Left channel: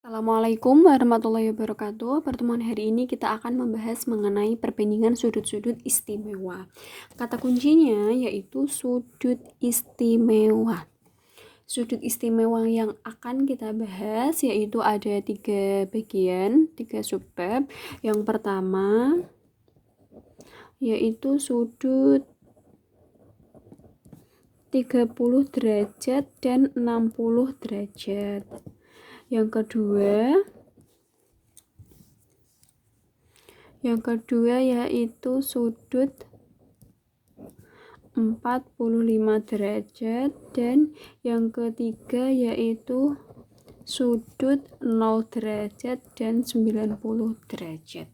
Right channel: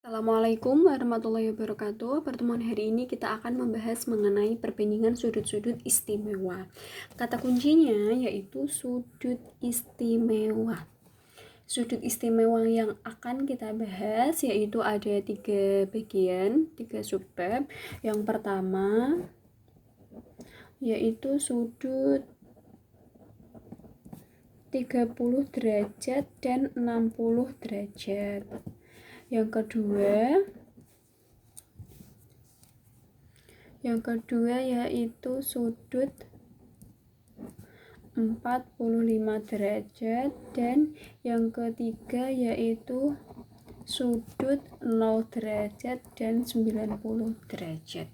Assalamualaikum warahmatullahi wabarakatuh. Pertemuan hari ini kita akan membahas mengenai perbandingan sudut-sudut istimewa. Kata kuncinya yaitu sudut istimewa. Sudut istimewa yang akan kita bahas yaitu ada 3 bagian, 3 subbab. Yang pertama yaitu sudut 30 derajat dan 60 derajat. Yang kedua yaitu sudut 45 derajat dan yang ketiga yaitu sudut 0 derajat dan 90 derajat.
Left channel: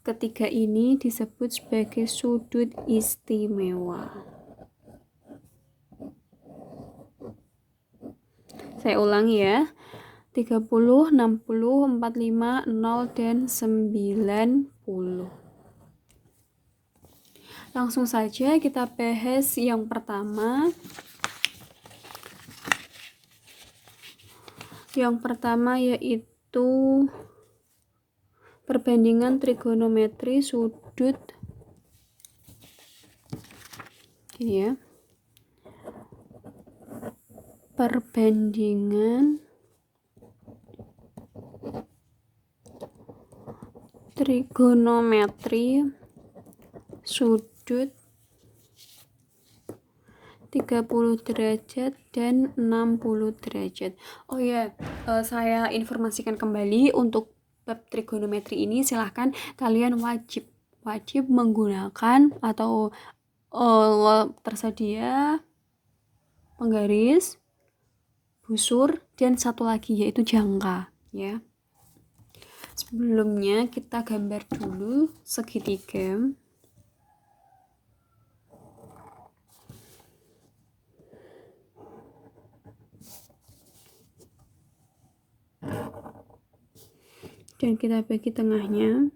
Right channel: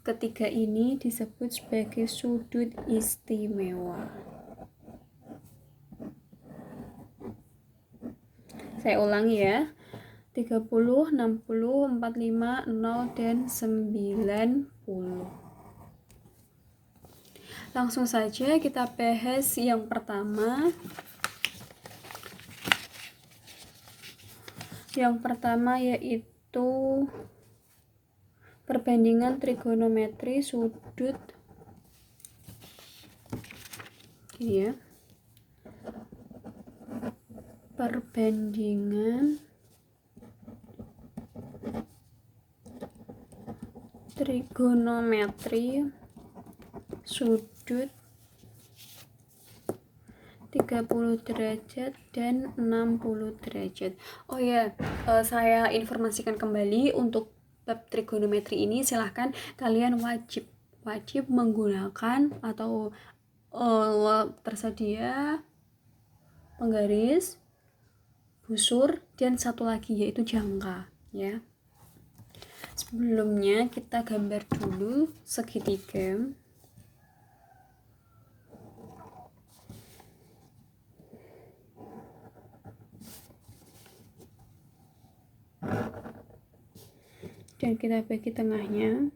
Ketiga ini disebut sebagai sudut istimewa. Saya ulangi ya. 30, 60, 45, 0, dan 90. Langsung saja kita bahas yang pertama. Yang pertama yaitu perbandingan trigonometri sudut. Gini ya. Perbandingan trigonometri sudut 30 derajat dan 60 derajat. Oh ya, saya informasikan kembali untuk bab trigonometri ini silahkan kalian wajib menggunakan atau tersedia penggaris, busur, dan satu lagi yaitu jangka ya. Sebelumnya kita gambar dulu segitiga. Dan kita bagi tengahnya.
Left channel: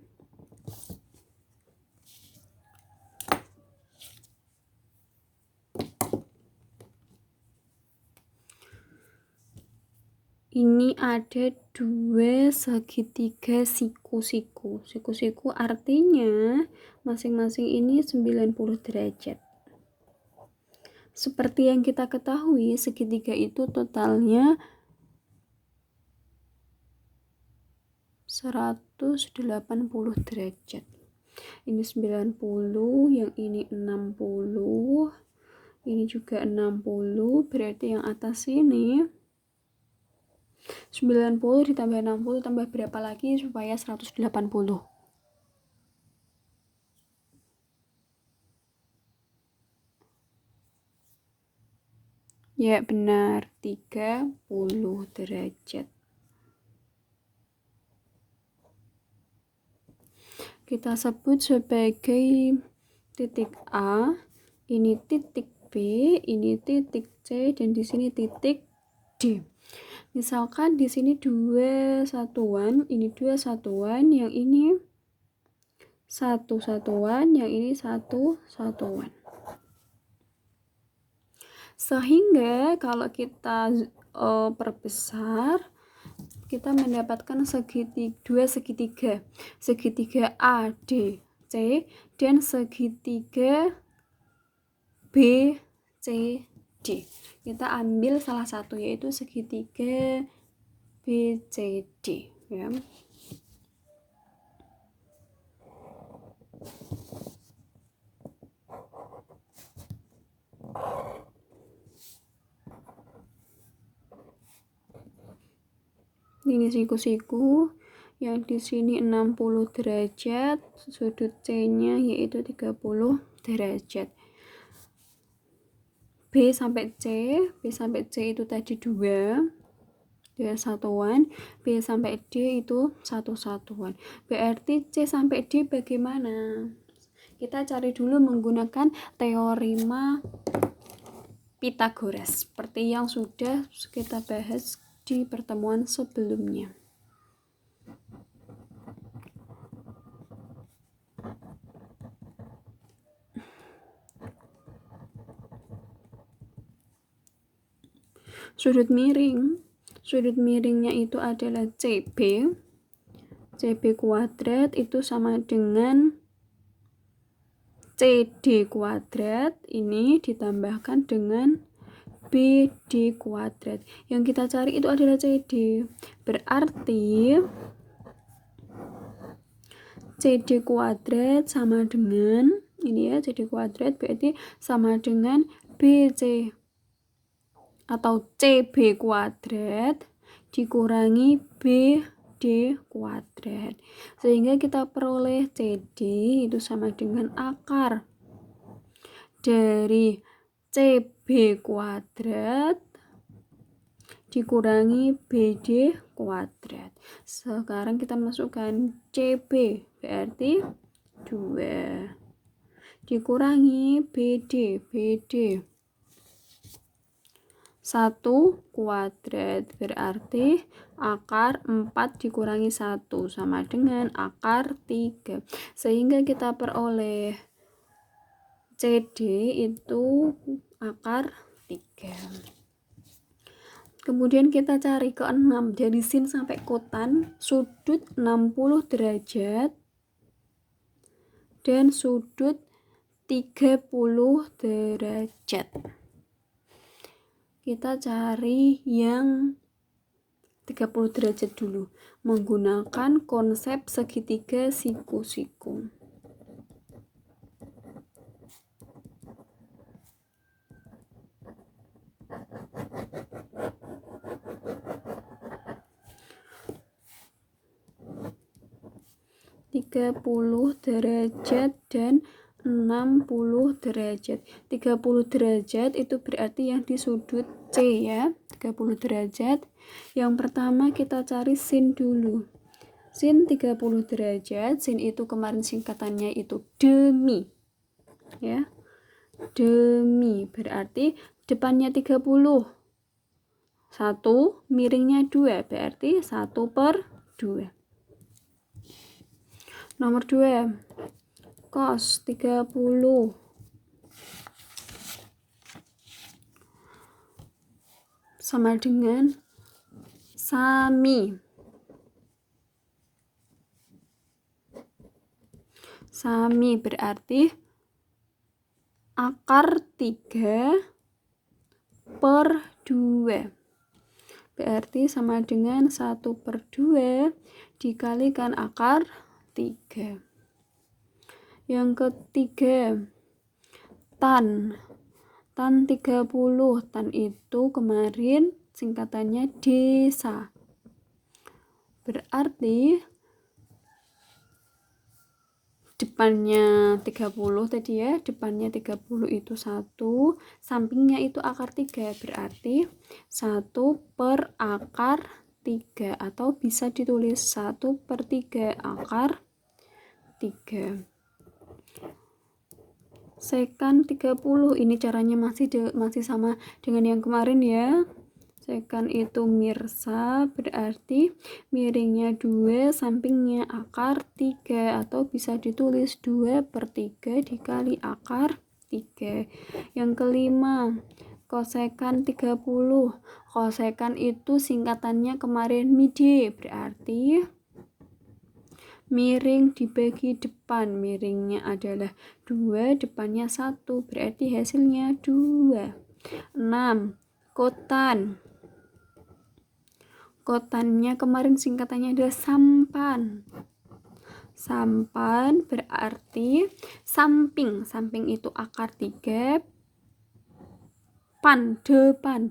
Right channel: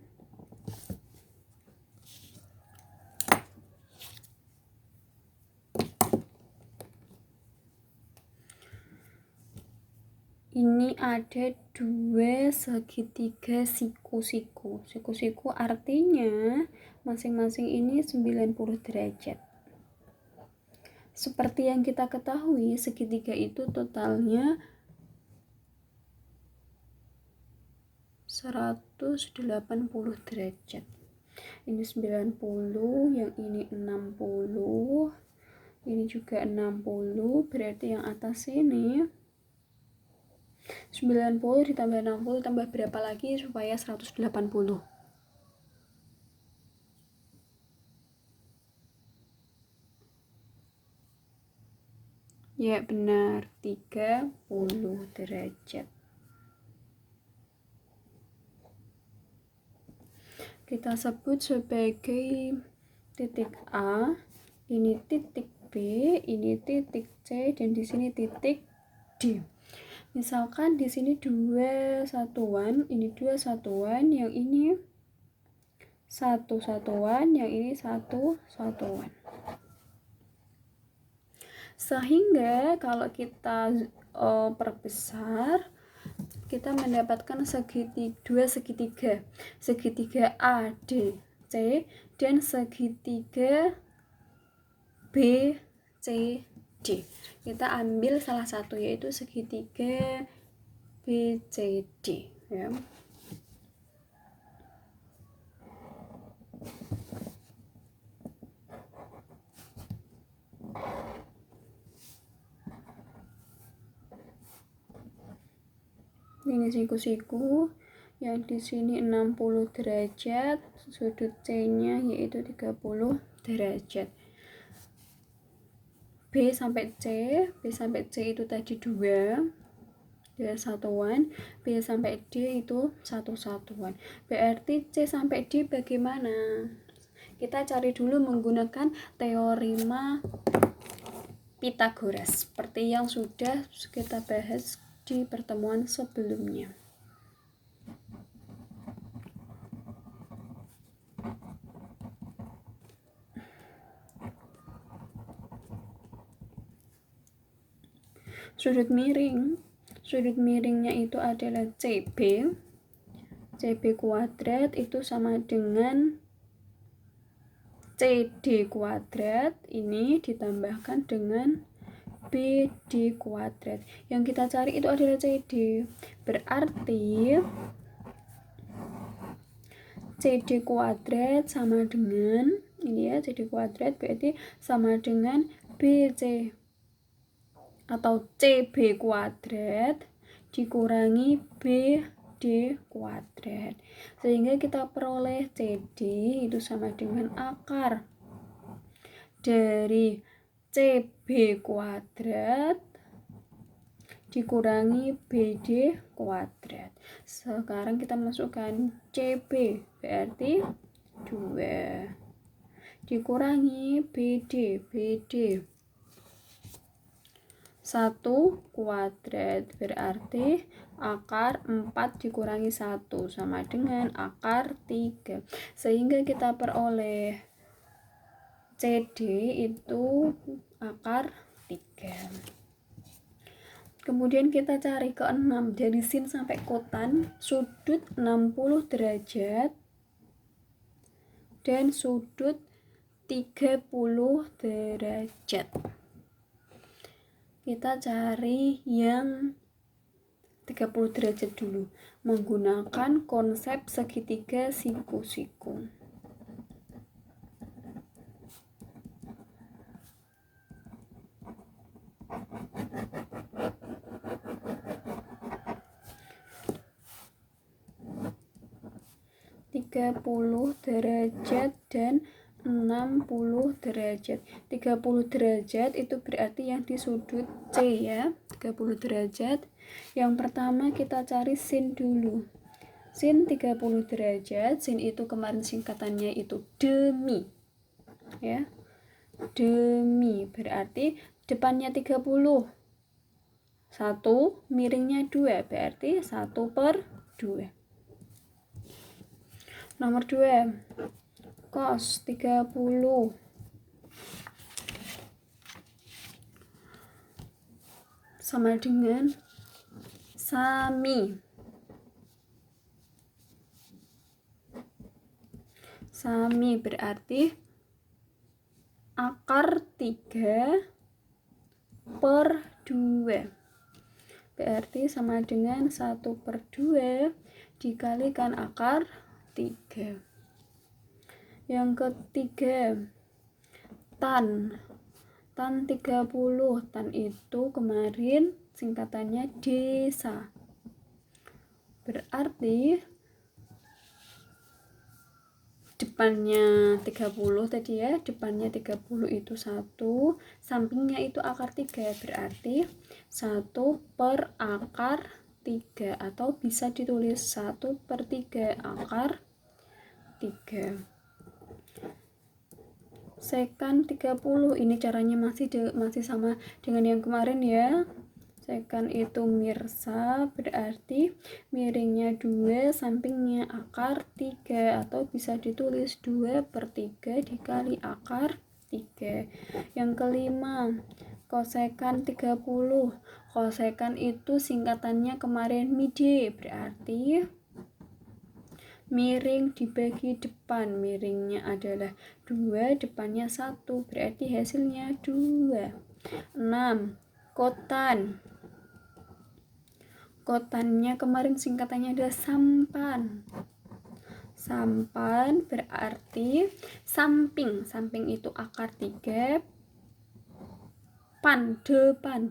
Ini ada dua segitiga siku-siku. Siku-siku artinya masing-masing ini 90 derajat. Seperti yang kita ketahui, segitiga itu totalnya 180 derajat. Ini 90, yang ini 60, ini juga 60, berarti yang atas ini 90 ditambah 60 tambah berapa lagi supaya 180? Ya benar, 30 derajat. Kita sebut sebagai titik A, ini titik B, ini titik C, dan di sini titik D. Misalkan di sini 2 satuan, ini 2 satuan, yang ini 1 satuan, yang ini 1 satuan. Sehingga kalau kita perbesar, kita mendapatkan dua segitiga A, D, C, dan segitiga B, C, D. Kita ambil salah satu yaitu segitiga BCD ya. Ini siku-siku yang di sini 60 derajat, sudut C-nya yaitu 30 derajat. B sampai C itu tadi 2 satuan, B sampai D itu 1 satuan. Berarti C sampai D bagaimana? Kita cari dulu menggunakan teorema Pythagoras seperti yang sudah kita bahas di pertemuan sebelumnya. Sudut miring Sudut miringnya itu adalah CB. CB kuadrat itu sama dengan CD kuadrat. Ini ditambahkan dengan BD kuadrat. Yang kita cari itu adalah CD. Berarti CD kuadrat sama dengan ini ya, CD kuadrat berarti sama dengan BC atau CB kuadrat dikurangi BD kuadrat, sehingga kita peroleh CD itu sama dengan akar dari CB kuadrat dikurangi BD kuadrat. Sekarang kita masukkan CB berarti 2 dikurangi BD 1 kuadrat berarti akar 4 dikurangi 1 sama dengan akar 3, sehingga kita peroleh CD itu akar 3. Kemudian kita cari ke-6, dari sin sampai kotan sudut 60 derajat dan sudut 30 derajat. Kita cari yang 30 derajat dulu menggunakan konsep segitiga siku-siku. derajat dan 60 derajat. 30 derajat itu berarti yang di sudut C ya, 30 derajat. Yang pertama kita cari sin dulu. Sin 30 derajat, sin itu kemarin singkatannya itu demi. Ya. Demi berarti depannya 30. 1 miringnya 2 berarti 1/2. Nomor 2, cos 30 sama dengan sami. Sami berarti akar 3/2. Berarti sama dengan 1/2 dikalikan akar 3. Yang ketiga, tan 30. Tan itu kemarin singkatannya desa. Berarti depannya 30 tadi ya, depannya 30 itu 1, sampingnya itu akar 3, berarti 1 per akar 3, atau bisa ditulis 1/3 akar 3. Sekan 30, ini caranya masih sama dengan yang kemarin ya. Sekan itu mirsa, berarti miringnya 2, sampingnya akar 3, atau bisa ditulis 2/3 dikali akar 3. Yang kelima, kosekan 30. Kosekan itu singkatannya kemarin mide, berarti miring dibagi depan, miringnya adalah 2, depannya 1, berarti hasilnya 2. 6, kotan. Kotannya kemarin singkatannya adalah sampan. Sampan berarti samping, samping itu akar 3,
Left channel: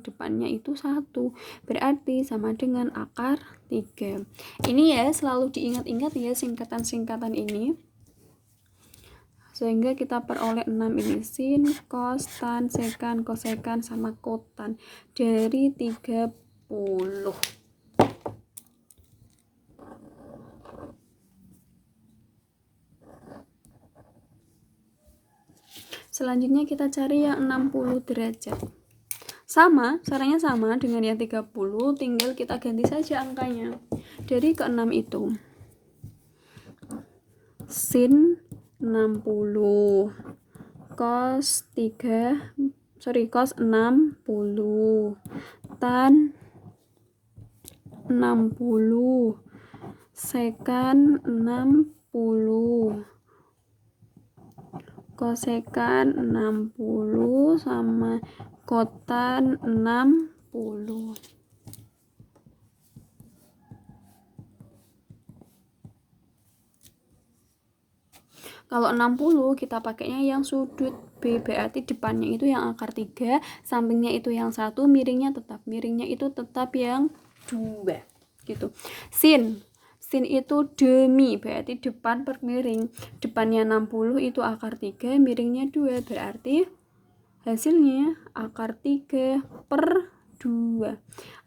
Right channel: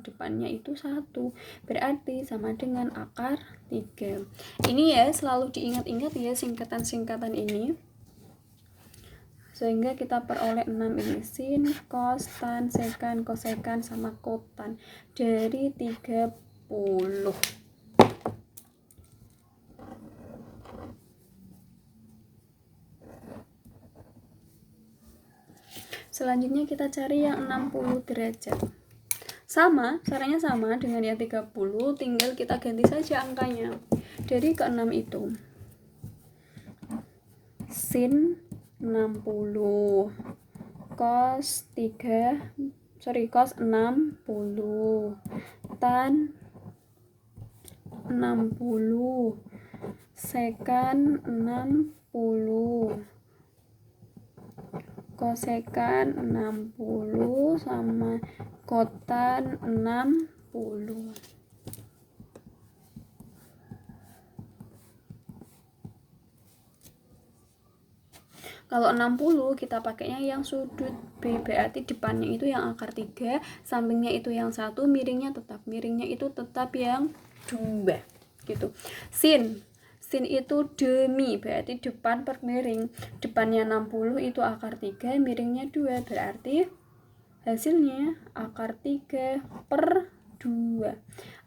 depannya itu 1, berarti sama dengan akar 3. Ini ya selalu diingat-ingat ya singkatan-singkatan ini, sehingga kita peroleh 6 ini, sin, cos, tan, sekan, kosekan sama kotan dari 30. Selanjutnya kita cari yang 60 derajat. Sama, caranya sama dengan yang 30, tinggal kita ganti saja angkanya. Dari ke-6 itu sin 60 cos 60 tan 60, sekan 60, kosekan 60 sama kotan 60. Kalau 60 kita pakainya yang sudut B, berarti depannya itu yang akar 3, sampingnya itu yang 1, miringnya itu tetap yang 2 gitu. Sin itu demi, berarti depan per miring. Depannya 60 itu akar 3, miringnya 2, berarti hasilnya akar 3 per 2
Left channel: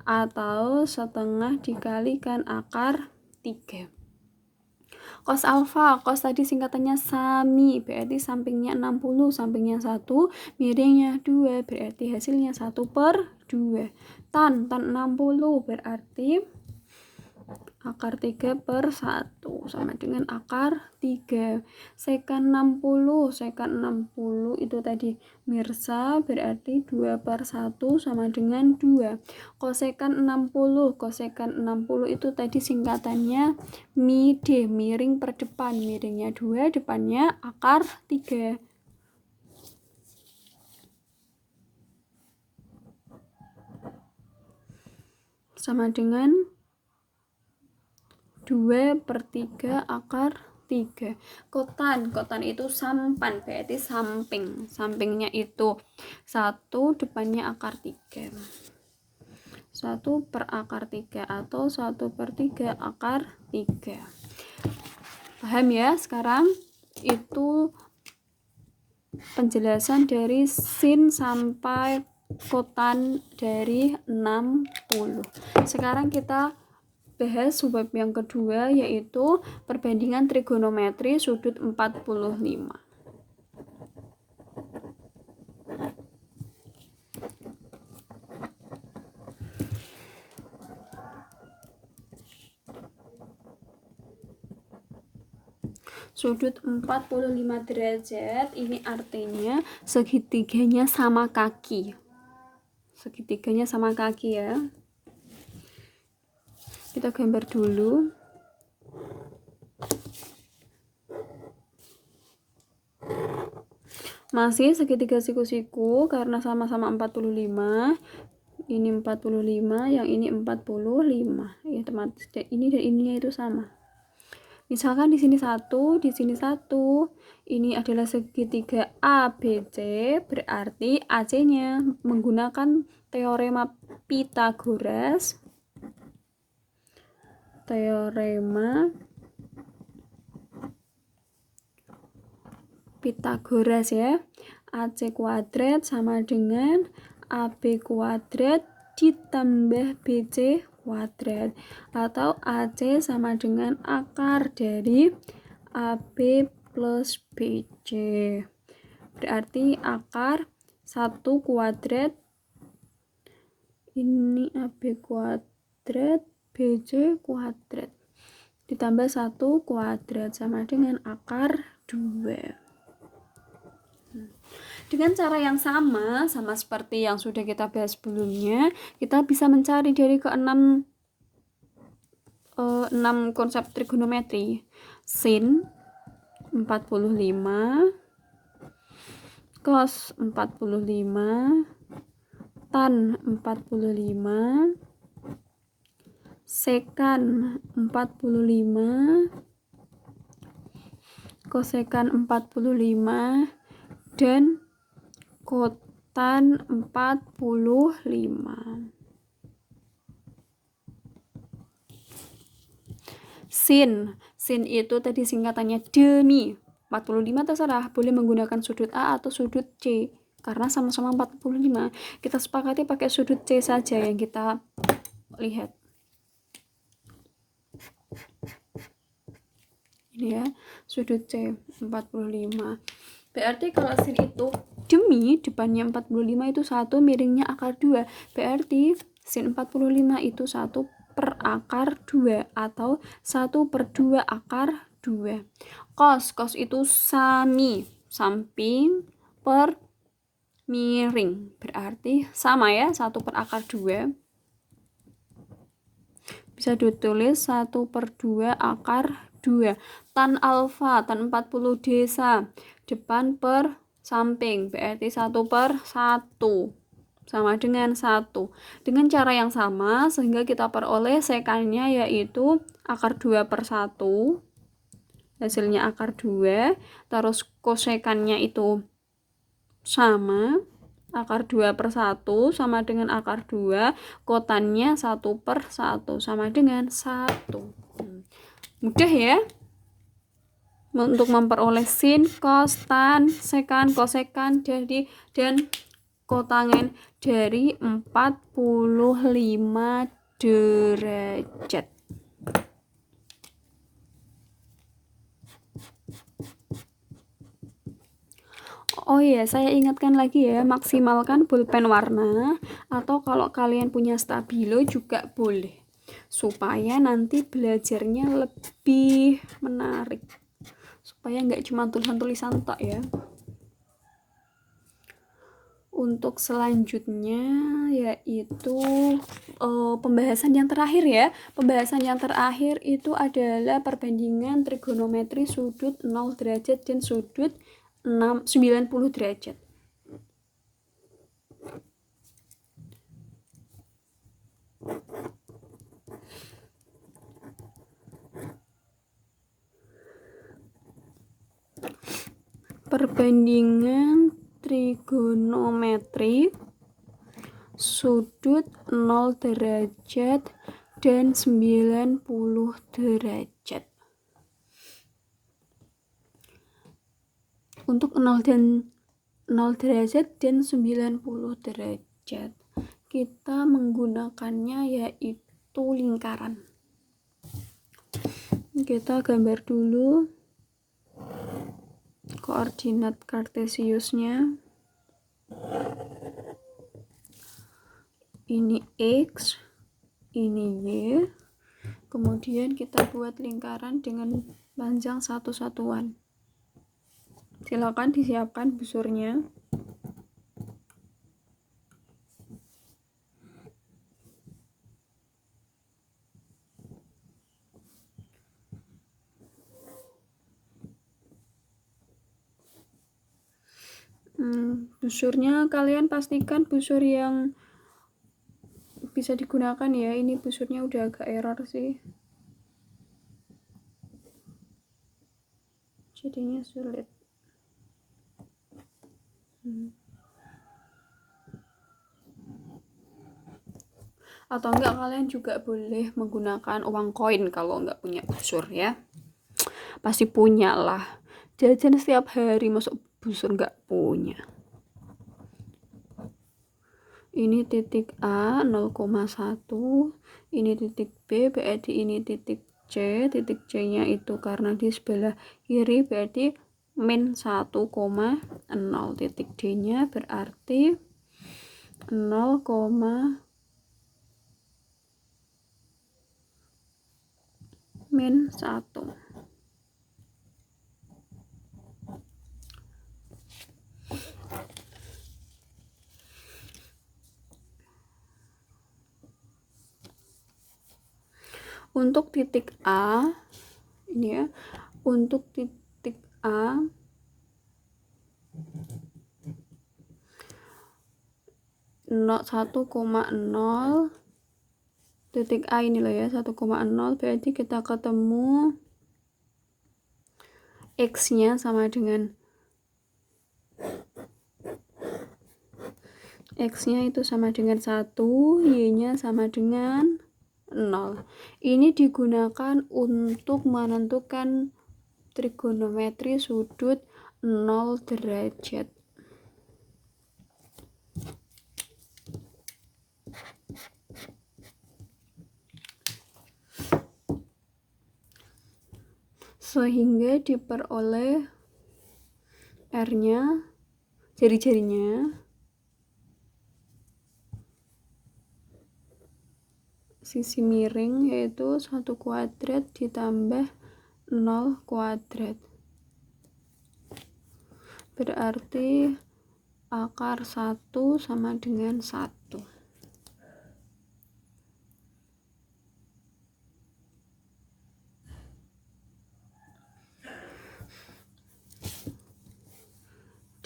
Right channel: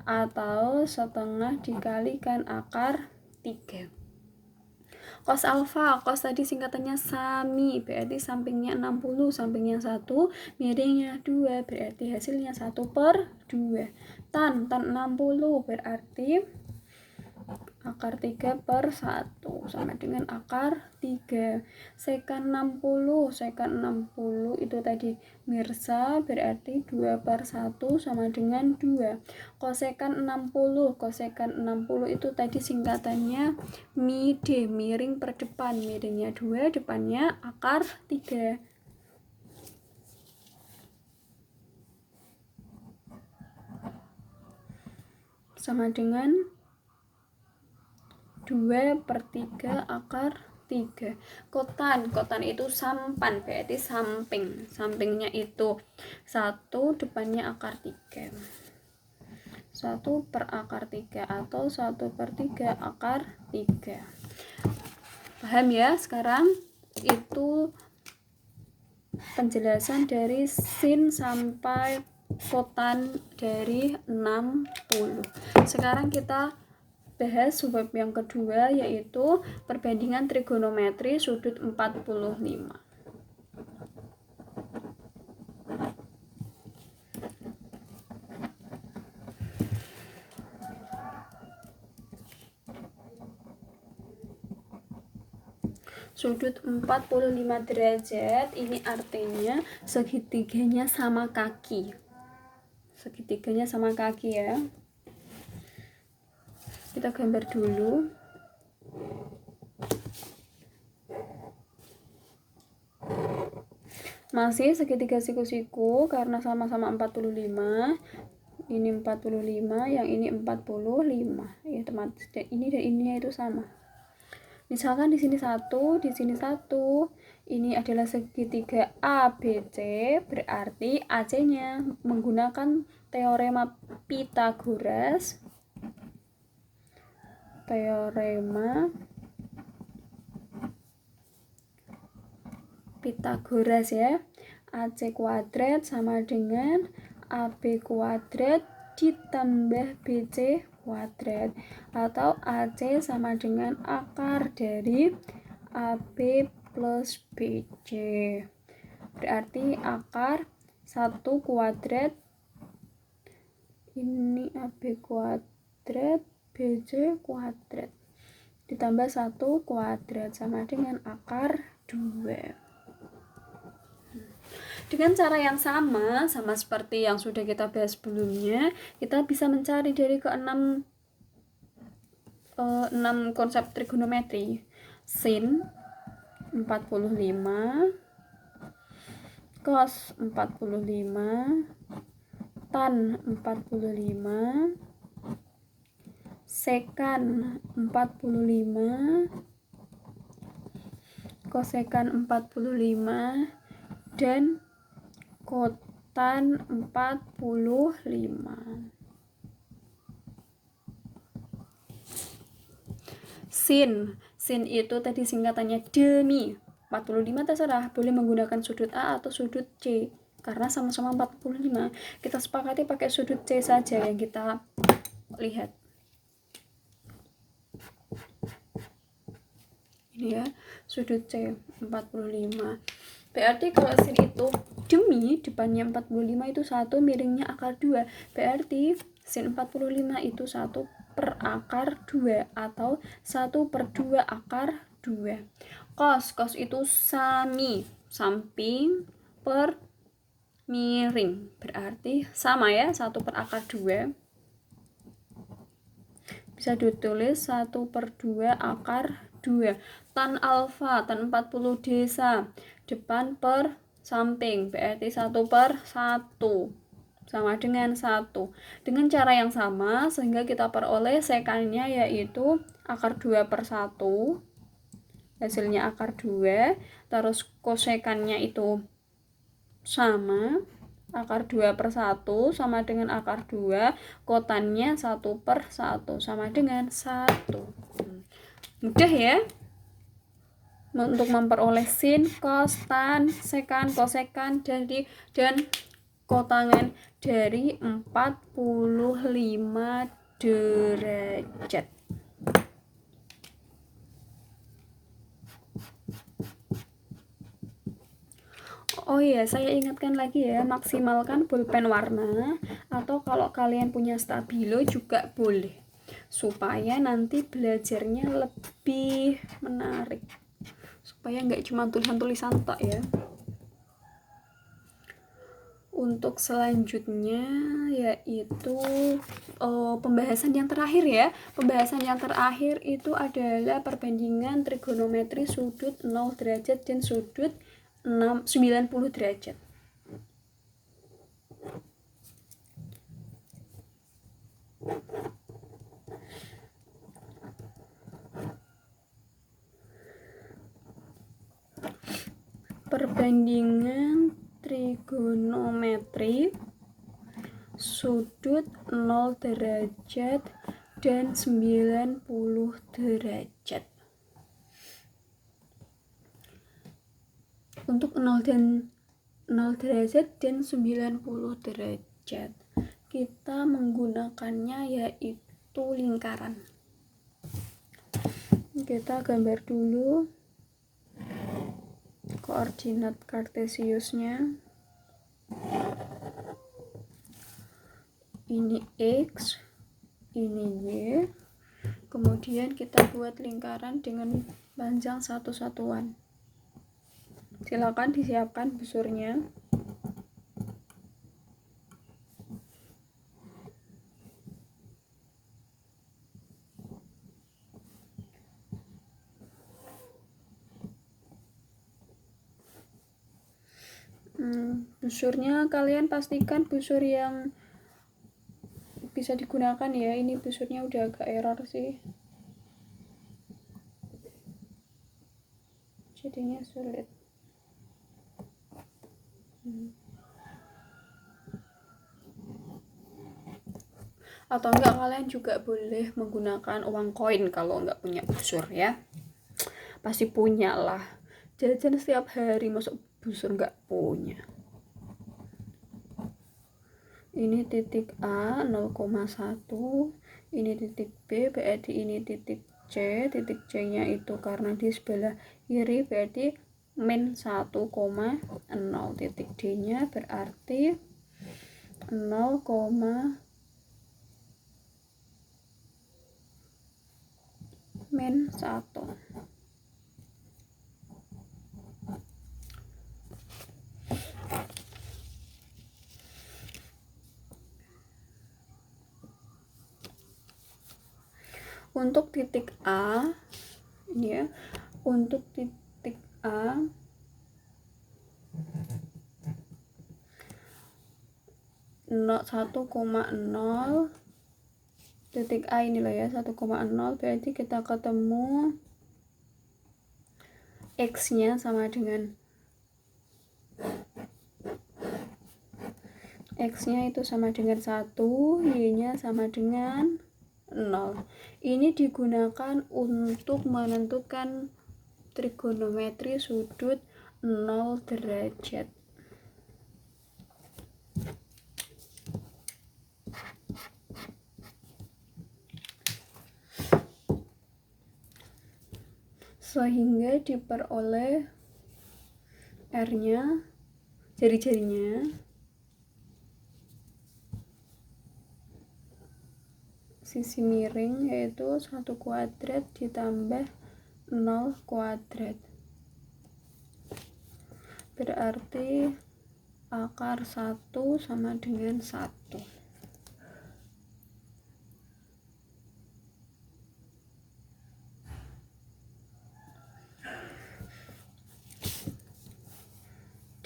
atau setengah dikalikan akar 3. Cos alfa, cos tadi singkatannya sami, berarti sampingnya 60, sampingnya 1, miringnya 2, berarti hasilnya 1 per 2. Tan 60 berarti akar 3 per 1 sama dengan akar 3. Sekan 60 itu tadi mirsa, berarti 2 per 1 sama dengan 2. Kosekan 60 itu tadi singkatannya mide, miring per depan, miringnya 2, depannya akar 3. Sama dengan 2 per 3 akar 3. Kotan itu sampan, berarti samping, sampingnya itu 1, depannya akar 3. 1 per akar 3 atau 1 per 3 akar 3. Paham ya? Sekarang itu penjelasan dari sin sampai kotan dari 60. Sekarang kita bahas subbab yang kedua, yaitu perbandingan trigonometri sudut 45. Sudut 45 derajat, ini artinya segitiganya sama kaki. Segitiganya sama kaki ya. Kita gambar dulu. Masih segitiga siku-siku karena sama-sama 45. Ini 45, yang ini 45. Ya, teman. Ini dan ininya itu sama. Misalkan di sini 1, di sini 1. Ini adalah segitiga ABC, berarti AC-nya menggunakan teorema Pythagoras. Teorema Pythagoras ya. AC kuadrat sama dengan AB kuadrat ditambah BC kuadrat, atau AC sama dengan akar dari AB plus BC. Berarti akar 1 kuadrat, ini AB kuadrat BC kuadrat ditambah 1 kuadrat sama dengan akar 2. Dengan cara yang sama seperti yang sudah kita bahas sebelumnya, kita bisa mencari dari ke-6 konsep trigonometri. Sin 45, cos 45, tan 45, sekan 45, kosekan 45, dan kotan 45. Sin itu tadi singkatannya demi. 45 terserah, boleh menggunakan sudut A atau sudut C karena sama-sama 45. Kita sepakati pakai sudut C saja yang kita lihat. Ini ya, sudut C 45. Berarti kalau sin itu demi, depannya 45 itu 1, miringnya akar 2. Berarti sin 45 itu 1 per akar 2 atau 1 per 2 akar 2. Cos itu sami, samping per miring, berarti sama ya, 1 per akar 2. Bisa ditulis 1/2 akar 2. Tan alfa, tan 40 desa. Depan per samping, berarti 1/1. Sama dengan 1. Dengan cara yang sama, sehingga kita peroleh sekannya yaitu akar 2/1. Hasilnya akar 2. Terus kosekannya itu sama. Akar 2/1 sama dengan akar 2, kotannya 1/1 sama dengan 1. Mudah ya untuk memperoleh sin, kos, tan, sekan, kosekan dan kotangan dari 45 derajat. Oh iya, saya ingatkan lagi ya, maksimalkan pulpen warna, atau kalau kalian punya stabilo juga boleh, supaya nanti belajarnya lebih menarik, supaya nggak cuma tulisan-tulisan tok ya. Untuk selanjutnya yaitu pembahasan yang terakhir ya. Pembahasan yang terakhir itu adalah perbandingan trigonometri sudut 0 derajat dan sudut 90 derajat. Perbandingan trigonometri sudut 0 derajat dan 90 derajat. Untuk 0 derajat dan 90 derajat, kita menggunakannya yaitu lingkaran. Kita gambar dulu koordinat kartesiusnya. Ini X, ini Y. Kemudian kita buat lingkaran dengan panjang 1 satuan. Silakan disiapkan busurnya. Busurnya kalian pastikan busur yang bisa digunakan ya. Ini busurnya udah agak error sih, jadinya sulit. Atau enggak, kalian juga boleh menggunakan uang koin kalau enggak punya busur ya. Pasti punya lah, jajan setiap hari, masuk busur enggak punya. Ini titik A 0,1, ini titik B, berarti ini titik C. Titik C nya itu karena di sebelah kiri berarti min 1,0. Titik D nya berarti 0, min 1. Untuk titik A ini ya, untuk titik A 1,0, titik A ini loh ya, 1,0, berarti kita ketemu X nya sama dengan X nya itu sama dengan 1, Y nya sama dengan 0. Ini digunakan untuk menentukan trigonometri sudut 0 derajat. Sehingga diperoleh R-nya, jari-jarinya, sisi miring yaitu 1 kuadrat ditambah 0 kuadrat. Berarti akar 1 sama dengan 1.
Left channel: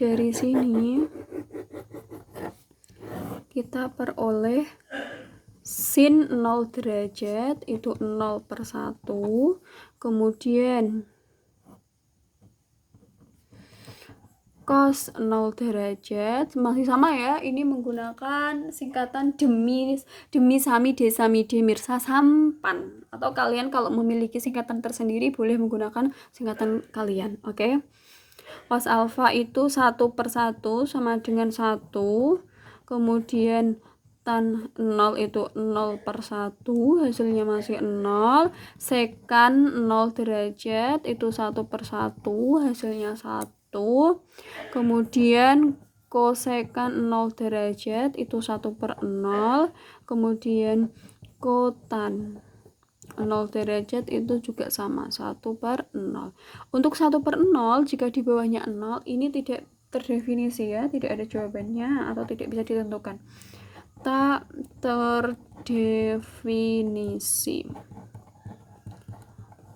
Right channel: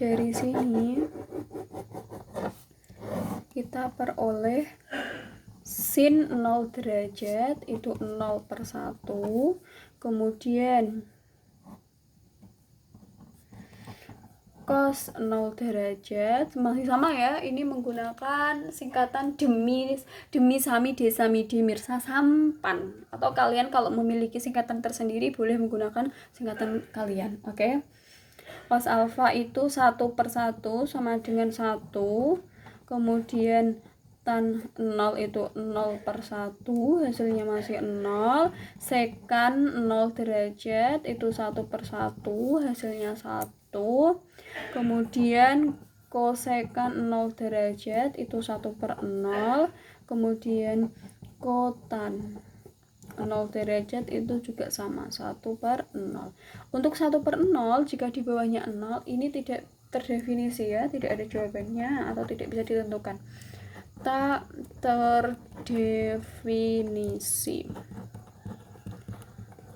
Dari sini kita peroleh sin 0 derajat itu 0/1, kemudian cos 0 derajat masih sama ya, ini menggunakan singkatan demi sami de mirsa sampan, atau kalian kalau memiliki singkatan tersendiri boleh menggunakan singkatan kalian. Oke. Cos alfa itu 1/1 sama dengan 1, kemudian tan 0 itu 0/1, hasilnya masih 0. Sekan 0 derajat itu 1/1, hasilnya 1. Kemudian kosekan 0 derajat itu 1/0, kemudian kotan 0 derajat itu juga sama 1/0. Untuk 1/0 jika di bawahnya 0 ini tidak terdefinisi ya, tidak ada jawabannya atau tidak bisa ditentukan. Tak terdefinisi.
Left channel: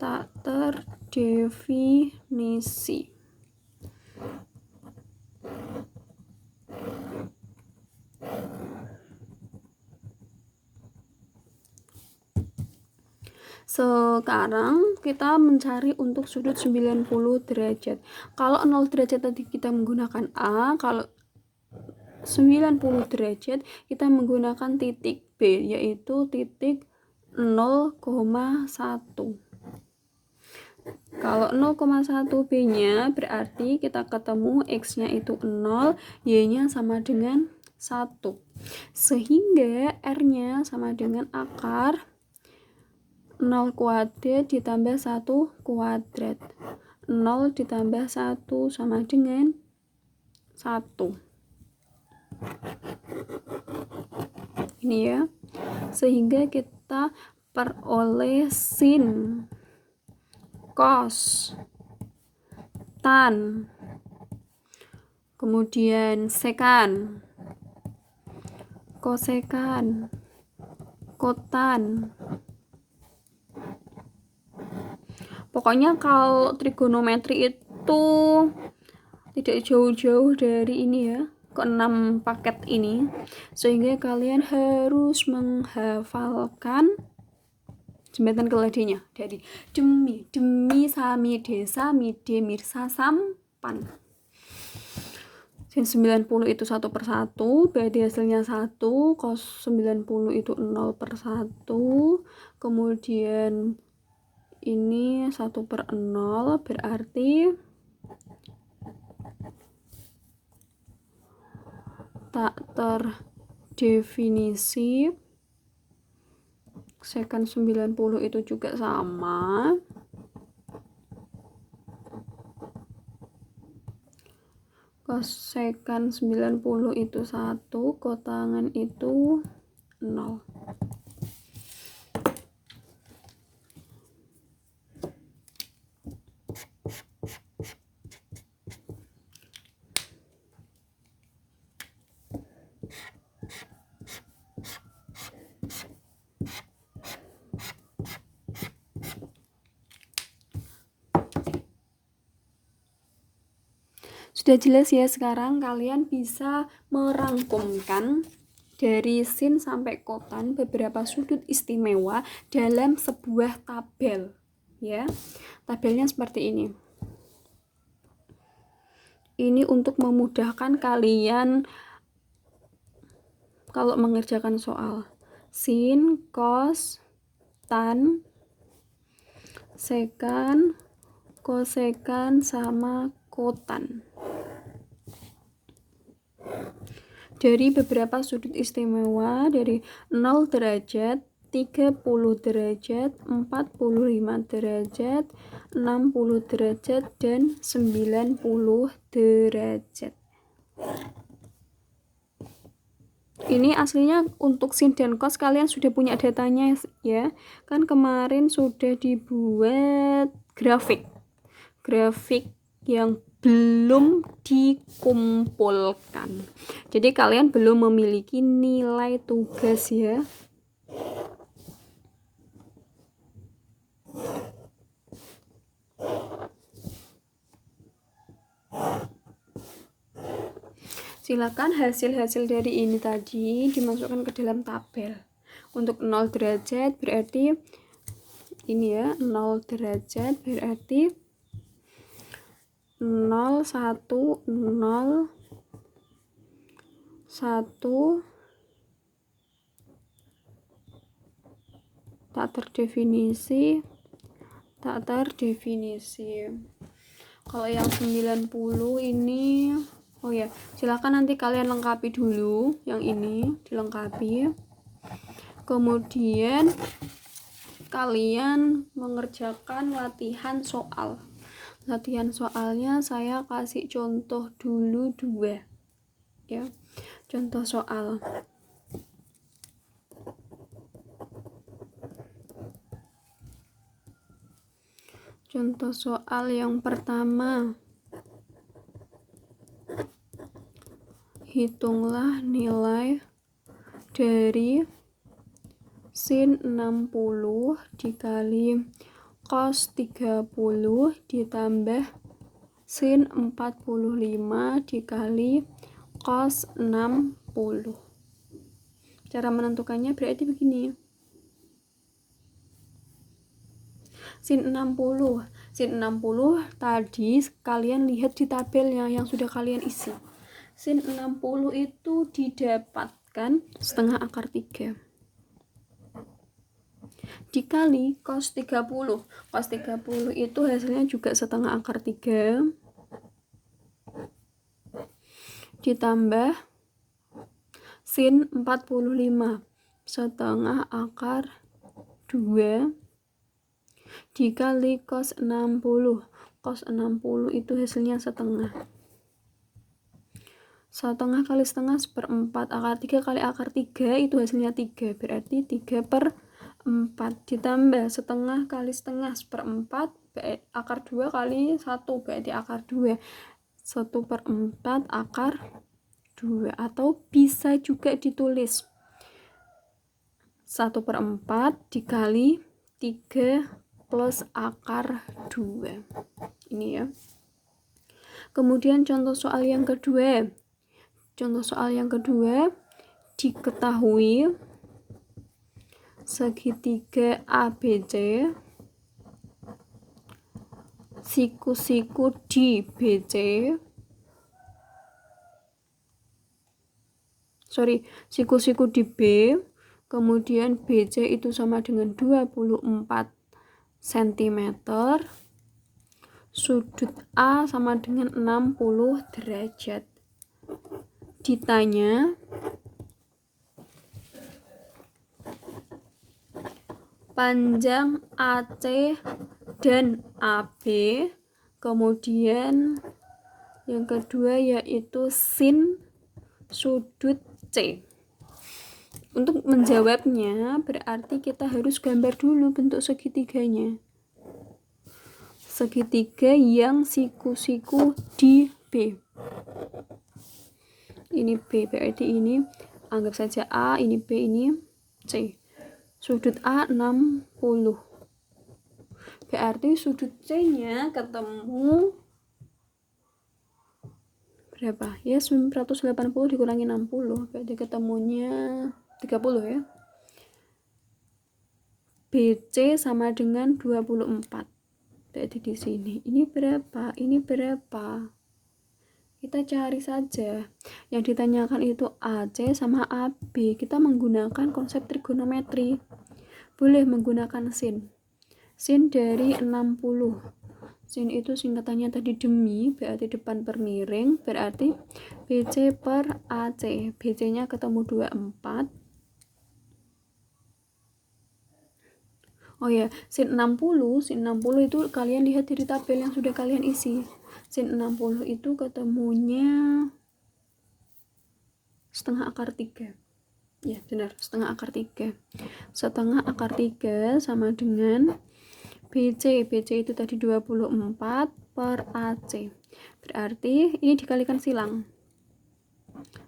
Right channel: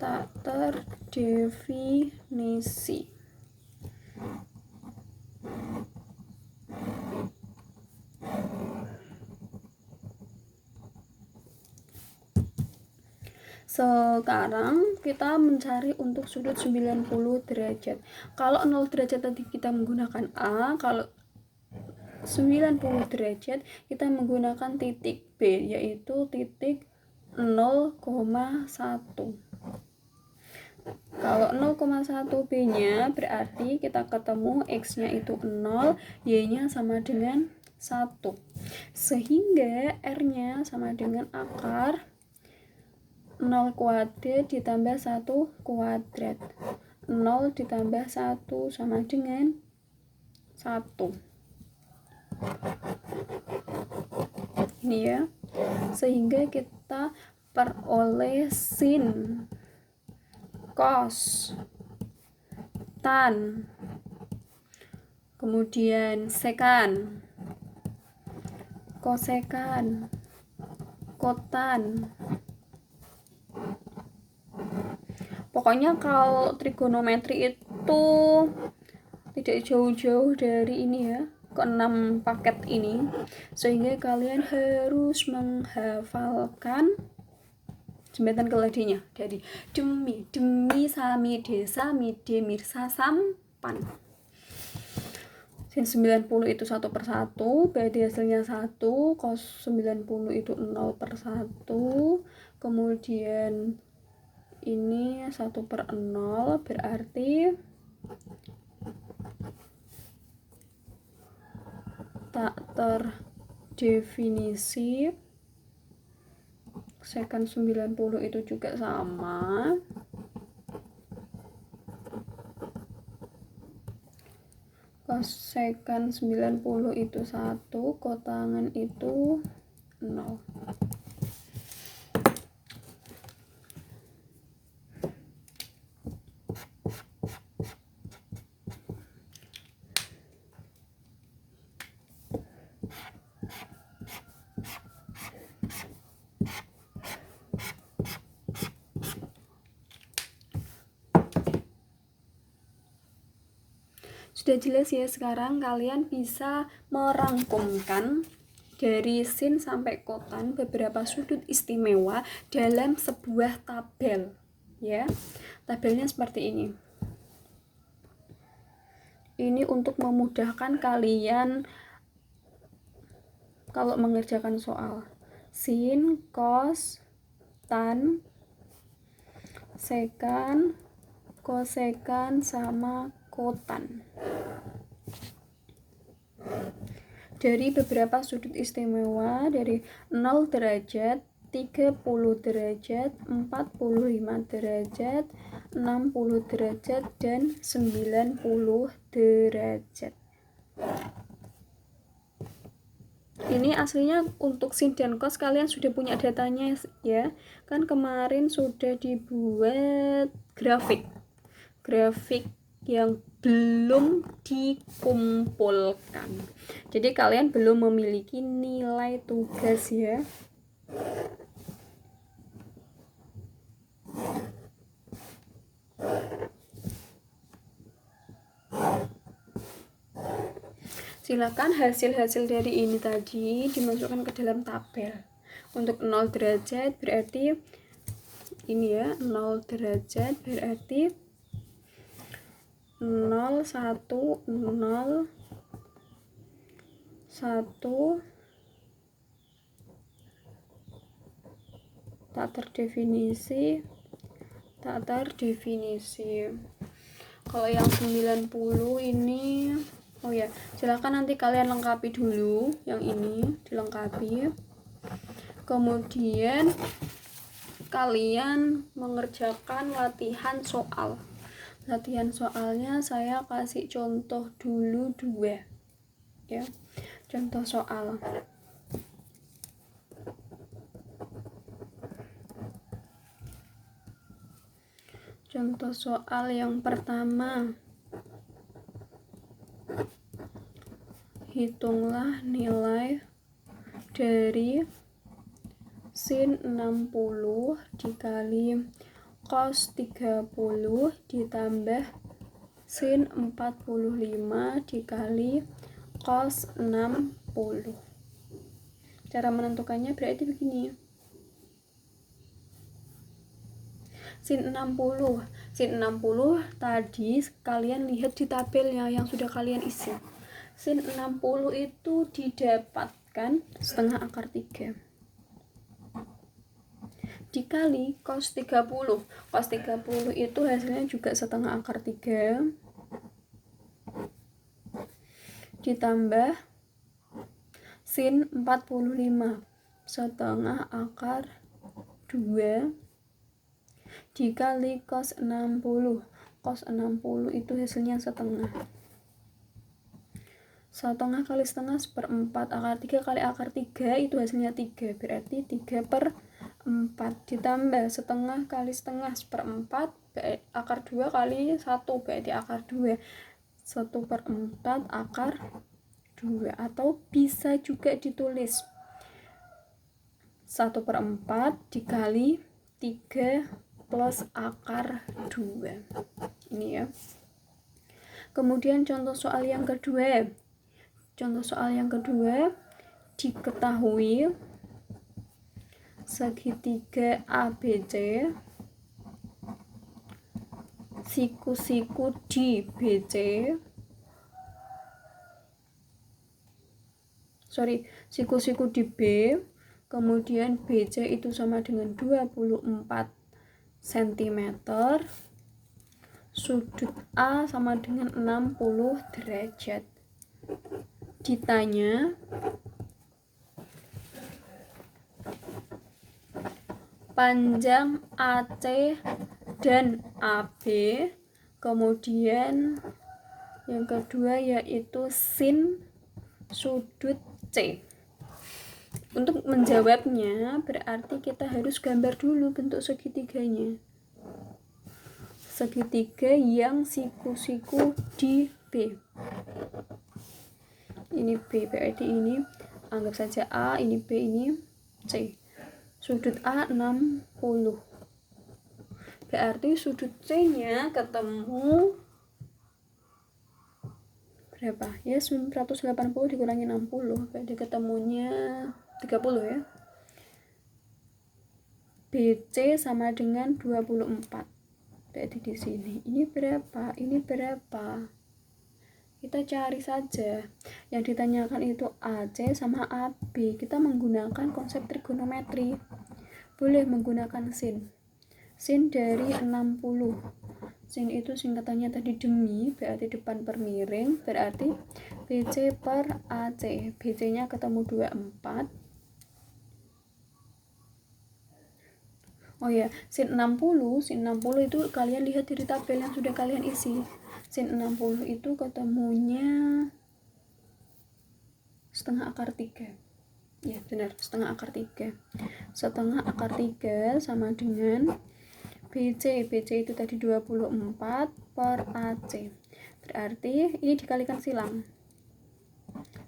Tak terdefinisi. Sekarang kita mencari untuk sudut 90 derajat. Kalau 0 derajat tadi kita menggunakan A, kalau 90 derajat kita menggunakan titik B, yaitu titik 0,1. Kalau 0,1 B-nya berarti kita ketemu X-nya itu 0, Y-nya sama dengan 1. Sehingga R-nya sama dengan akar 0 kuadrat ditambah 1 kuadrat. 0 ditambah 1 sama dengan 1. Ini ya. Sehingga kita peroleh sin, cos, tan, kemudian sekan, kosekan, kotan. Pokoknya kalau trigonometri itu tidak jauh-jauh dari ini ya, ke-6 paket ini, sehingga kalian harus menghafalkan jembatan keladinya dari demi sami de mirsa sampan. Sin 90 itu 1/1, berarti hasilnya 1. Cos 90 itu 0/1, kemudian ini 1/0, berarti tak terdefinisi. Sekan 90 itu juga sama. Kosekan 90 itu 1, kotangan itu 0. Sudah jelas ya, sekarang kalian bisa merangkumkan dari sin sampai kotan beberapa sudut istimewa dalam sebuah tabel ya. Tabelnya seperti ini. Ini untuk memudahkan kalian kalau mengerjakan soal. Sin, cos, tan, sekan, kosekan, sama kotan. Dari beberapa sudut istimewa dari 0 derajat, 30 derajat, 45 derajat, 60 derajat, dan 90 derajat. Ini aslinya untuk sin dan cos kalian sudah punya datanya ya. Kan kemarin sudah dibuat grafik yang belum dikumpulkan. Jadi kalian belum memiliki nilai tugas ya. Silakan hasil-hasil dari ini tadi dimasukkan ke dalam tabel. Untuk 0 derajat berarti ini ya, 0 derajat berarti 0, 1, 0, 1, tak terdefinisi. Kalau yang 90 ini, oh ya, silakan nanti kalian lengkapi dulu yang ini, dilengkapi. Kemudian kalian mengerjakan latihan soal. Latihan soalnya saya kasih contoh dulu 2 ya. Contoh soal. Contoh soal yang pertama. Hitunglah nilai dari sin 60 dikali cos 30 ditambah sin 45 dikali cos 60. Cara menentukannya berarti begini. Sin 60 tadi kalian lihat di tabelnya yang sudah kalian isi. Sin 60 itu didapatkan setengah akar 3 dikali cos 30. Cos 30 itu hasilnya juga setengah akar 3 ditambah sin 45 setengah akar 2 dikali cos 60. Cos 60 itu hasilnya setengah. Setengah kali setengah 1/4. Akar 3 kali akar 3 itu hasilnya 3. Berarti 3/4 ditambah setengah kali setengah 1/4. Akar 2 kali 1 berarti akar 2. 1/4 akar 2. Atau bisa juga ditulis 1/4 dikali 3 plus akar 2. Ini ya. Kemudian contoh soal yang kedua. Diketahui segitiga ABC siku-siku di BC siku-siku di B, kemudian BC itu sama dengan 24 cm, sudut A sama dengan 60 derajat. Ditanya panjang AC dan AB, kemudian yang kedua yaitu sin sudut C. Untuk menjawabnya berarti kita harus gambar dulu bentuk segitiganya. Segitiga yang siku-siku di B. Ini B, berarti ini anggap saja A, ini B, ini C. Sudut A 60. Berarti sudut C-nya ketemu berapa? Ya 180 dikurangi 60, berarti ketemunya 30 ya. BC sama dengan 24. Berarti di sini. Ini berapa? Kita cari saja. Yang ditanyakan itu AC sama AB. Kita menggunakan konsep trigonometri. Boleh menggunakan sin. Sin dari 60. Sin itu singkatannya tadi demi, berarti depan per miring, berarti BC per AC. BC-nya ketemu 24. Oh ya, sin 60 itu kalian lihat dari tabel yang sudah kalian isi. Sin 60 itu ketemunya setengah akar 3. Ya, benar, setengah akar 3. Setengah akar 3 sama dengan BC. BC itu tadi 24 per AC. Berarti ini dikalikan silang.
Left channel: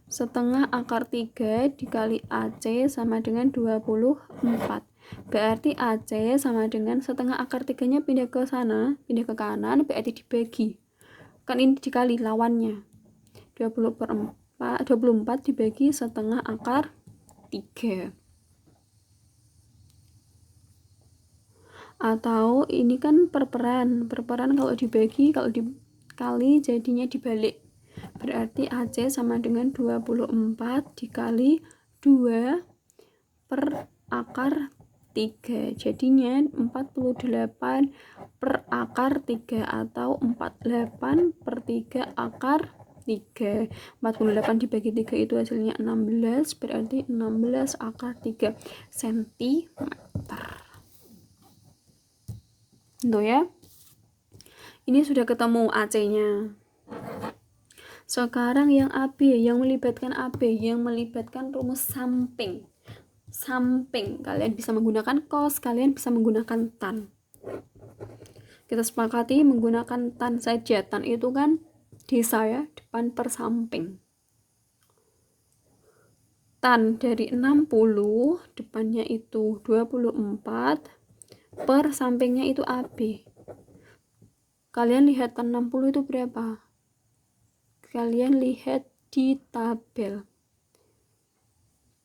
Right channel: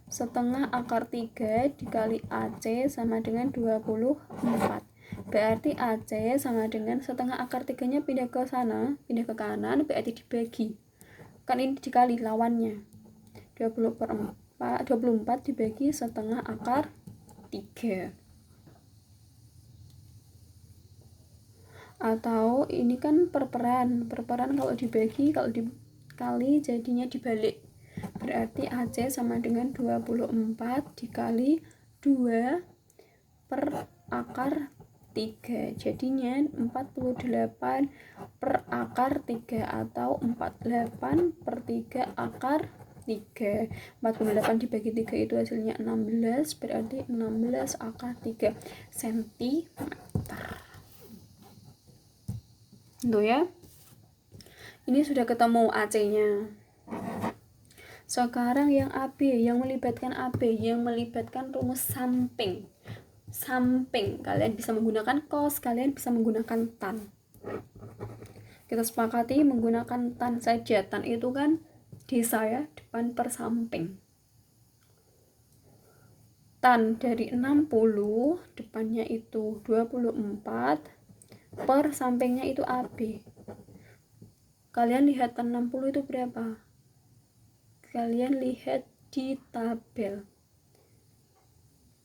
Setengah akar 3 dikali AC sama dengan 24. Berarti AC sama dengan setengah akar 3-nya pindah ke sana, pindah ke kanan, berarti dibagi. Kan ini dikali lawannya. 24 24 dibagi setengah akar 3. Atau ini kan perperan kalau dibagi, kalau dikali jadinya dibalik. Berarti AC sama dengan 24 dikali 2 per akar 3. Jadinya 48 per akar 3 atau 48 per 3 akar 3. 48 dibagi 3 itu hasilnya 16, berarti 16 akar 3 cm. Tuh ya. Ini sudah ketemu AC-nya. Sekarang yang AB, yang melibatkan AB, yang melibatkan rumus samping. Kalian bisa menggunakan cos, kalian bisa menggunakan tan. Kita sepakati menggunakan tan saja. Tan itu kan desa ya, depan per samping. Tan dari 60, depannya itu 24, per sampingnya itu AB. Kalian lihat tan 60 itu berapa? Kalian lihat di tabel.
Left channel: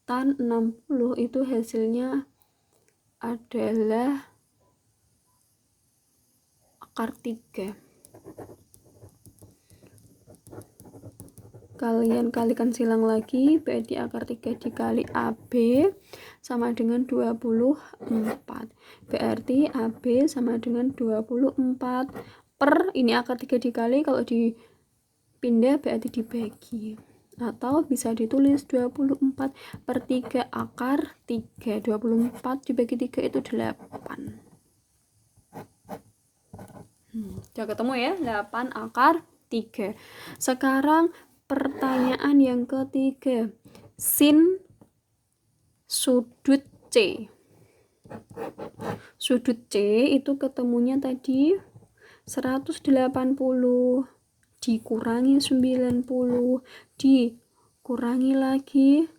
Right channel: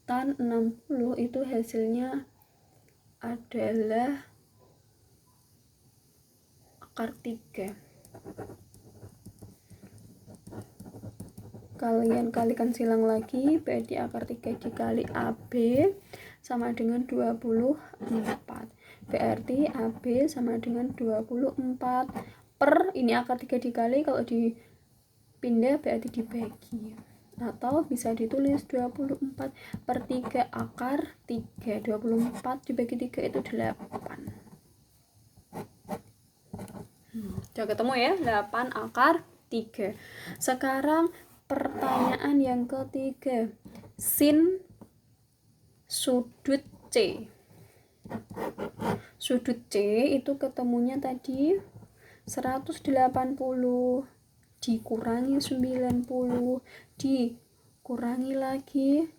Tan 60 itu hasilnya adalah akar 3. Kalian kalikan silang lagi, berarti akar 3 dikali AB sama dengan 24. Berarti AB sama dengan 24 per, ini akar 3 dikali, kalau dipindah berarti dibagi. Atau bisa ditulis 24 per 3 akar 3. 24 dibagi 3 itu 8. Udah ketemu ya, 8 akar 3. Sekarang pertanyaan yang ketiga. Sin sudut C. Sudut C itu ketemunya tadi 180 dikurangi 90 dikurangi lagi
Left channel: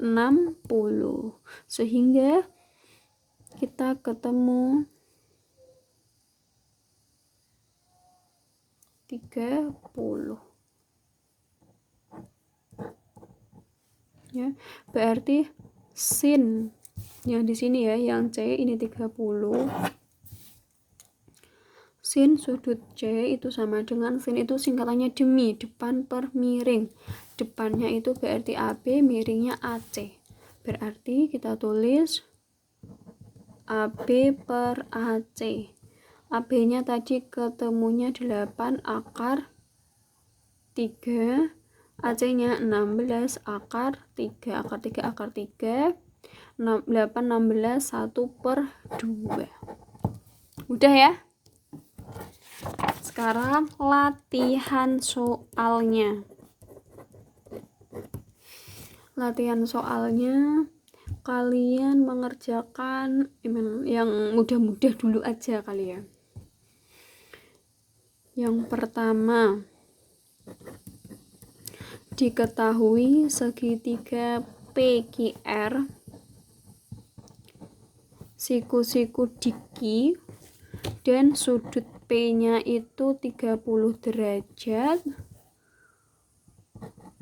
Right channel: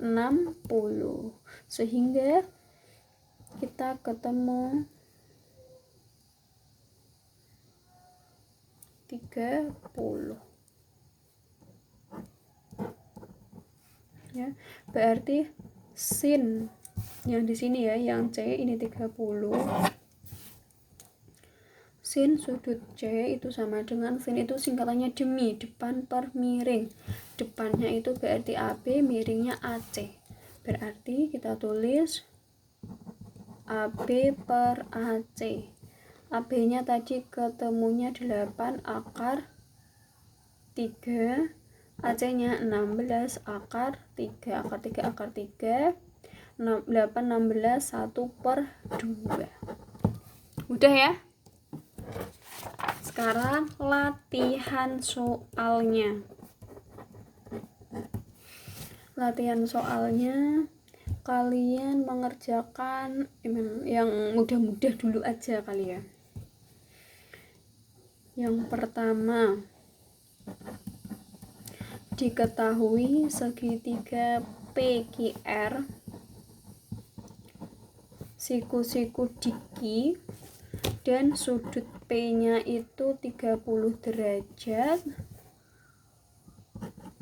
60, sehingga kita ketemu 30 ya. Berarti sin yang di sini ya, yang C ini 30. Sin sudut C itu sama dengan, sin itu singkatannya demi, depan per miring. Depannya itu berarti AB, miringnya AC. Berarti kita tulis AB per AC. AB-nya tadi ketemunya 8 akar 3. AC-nya 16 akar 3. Akar 3 akar 3. 8, 16, 1 per 2. Udah ya. Sekarang latihan soalnya. Latihan soalnya kalian mengerjakan yang mudah-mudah dulu aja kali ya. Yang pertama, diketahui segitiga PQR siku-siku diki dan sudut P-nya itu 30 derajat.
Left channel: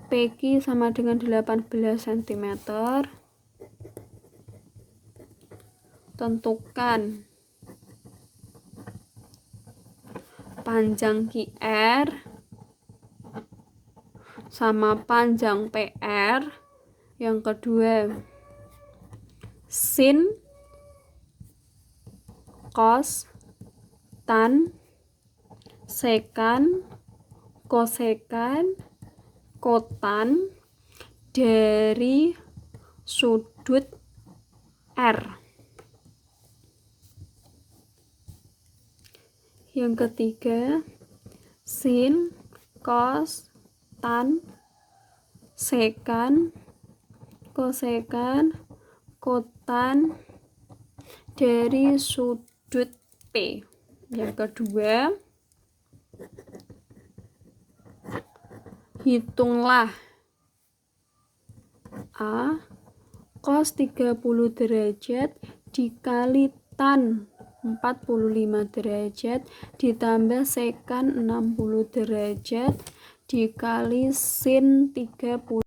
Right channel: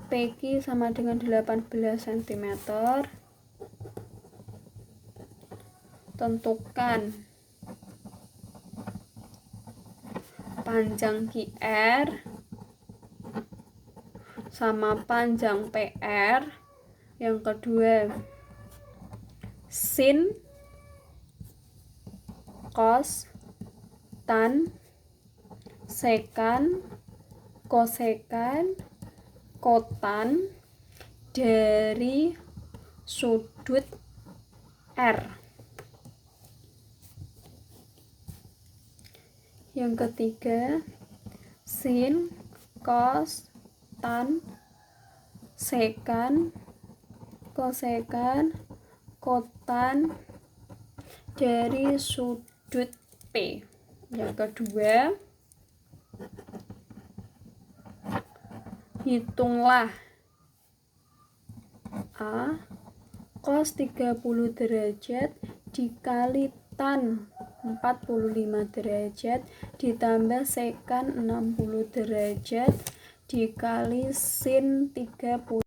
PQ sama dengan 18 cm. Tentukan panjang QR sama panjang PR. Yang kedua, sin, cos, tan, sekan, kosekan, kotan dari sudut R. Yang ketiga, sin, cos, tan, sekan, kosekan, kotan dari sudut P. Yang kedua, hitunglah A cos 30 derajat dikali tan 45 derajat ditambah sekan 60 derajat dikali sin 30